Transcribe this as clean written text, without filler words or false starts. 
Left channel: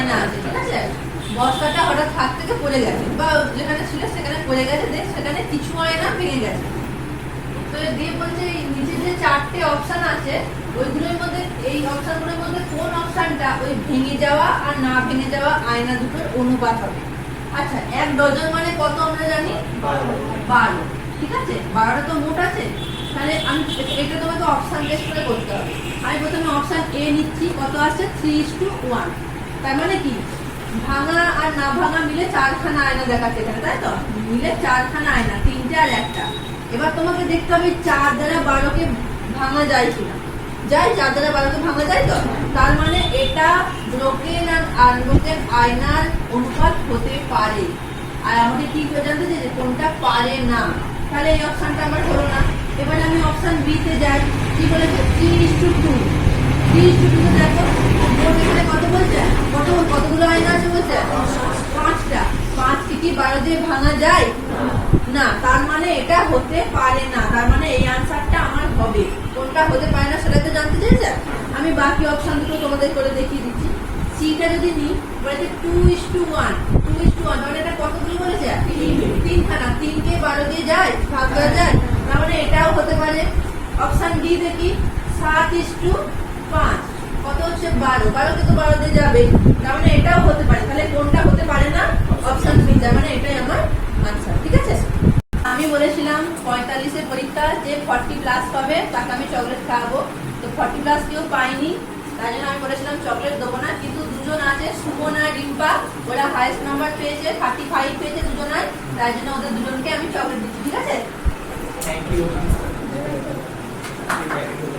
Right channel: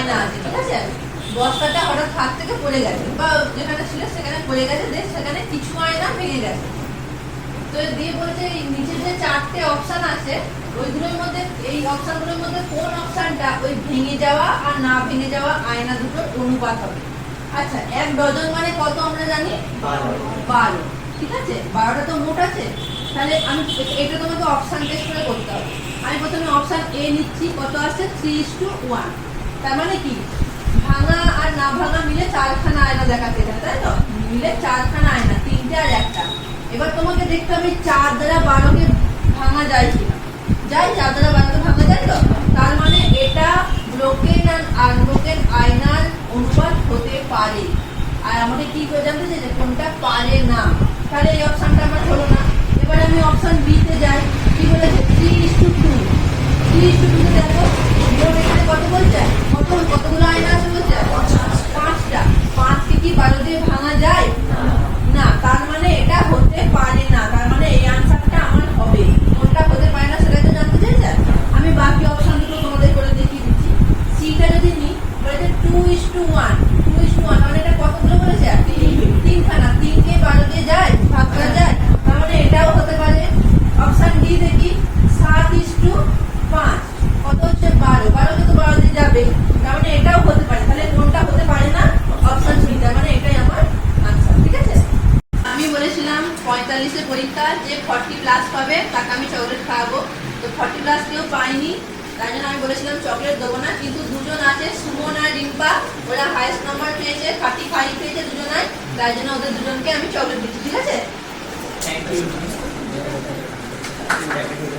আয়না আছে, ঠিক আছে? বস্তাটা হঠাৎ হাত থেকে পড়ে গেছে বা যেখানে ছিল সেখানে পড়ে গেছে, সেখানে কিছু আয়না ভেঙে গেছে। তো দিয়ে বলছে এই নিচে যে 4টে অপশন আছে ওইগুলোর মধ্যে, এই অপশনগুলোর মধ্যে কোন অপশনটা ওই ভেঙে যাওয়া আর না ভেঙে যাওয়া আয়না দুটোর অনুপাত হবে। আচ্ছা, 1 ডজন মানে কত আমরা জানি? 12। ঠিক আছে, 12টা তো মোট আছে। তাহলে আমি এটা তোমাকে অপশন টেস্ট করে করতে হবে। আমি প্রথমে অপশন এ নিচ্ছি, কত আছে? 3:1। তার মানে কি ভাঙা আর না ভাঙা মিলে 4খানা আয়না দেখাচ্ছে এখানে, তাই তো? মিলে 4খানা আয়না, 3টে আর 1টা। এবার তোমাকে দেখতে হবে 4 দ্বারা 12কে ভাঙা যায় কিনা। যায়, 4 দ্বারা 12কে ভাঙা যায় তো? তার মানে এটা ব্রোকেন আর আনব্রোকেন আয়নার অনুপাত হতে পারে। আর আমাকে কি করে জানতে চাই যে কোনটা পারে না? তাহলে এই অপশনটা আমার হলো না। এবার আমি অপশন বি তে যাই। কি বলেছে? 3:2। 3:2 তে দেখো মোট এখানে কত বলছে? কতগুলো আয়না আছে বলছে? 5টা। 5টি কি 12 দিয়ে ভাঙা যায় না? তার মানে এটা হতে পারে না। তার মানে এই আনসারটা আমার হবে। কোনটা হতে পারে না সেটা তো জানতে চাইছে। আমি বাকি অপশন দুটো তোমাদের করে দেখিয়ে দিচ্ছি। সিটা যদি নিই, বলেছে 2:1। 2:1 মানে এটা কতগুলো বলেছে? 3খানা। 3কে 12 দিয়ে যায়, ভাগ করা যায়। তার মানে এটাও হতে পারে। অপশন ডি দেখি, 7:5। কত হচ্ছে? 12। 12কে তো 12 দিয়ে যাবে, তার মানে এটাও হতে পারে। তাহলে কোনটা হতে পারে না? Option B. তার মানে এটাই আমার আনসার। ঠিক আছে, আমি বলেছিলাম 45-এ পরীক্ষা, যে 40+ পাবে তাকে আমি চকলেট খাওয়াবো। তো 40+ কেউ পাইনি, তাই জন্য আমি বলেছিলাম চকলেট দেবো না। কিন্তু দুজন আছে, সুমন আর রিম্পা, ওরা হাইয়েস্ট নাম্বার পেয়েছে, 35 পেয়েছে দুজনাই। তাই জন্য ওদের দুজনকে আমি চকলেট দিচ্ছি। ঠিক আছে, থ্যাংক ইউ।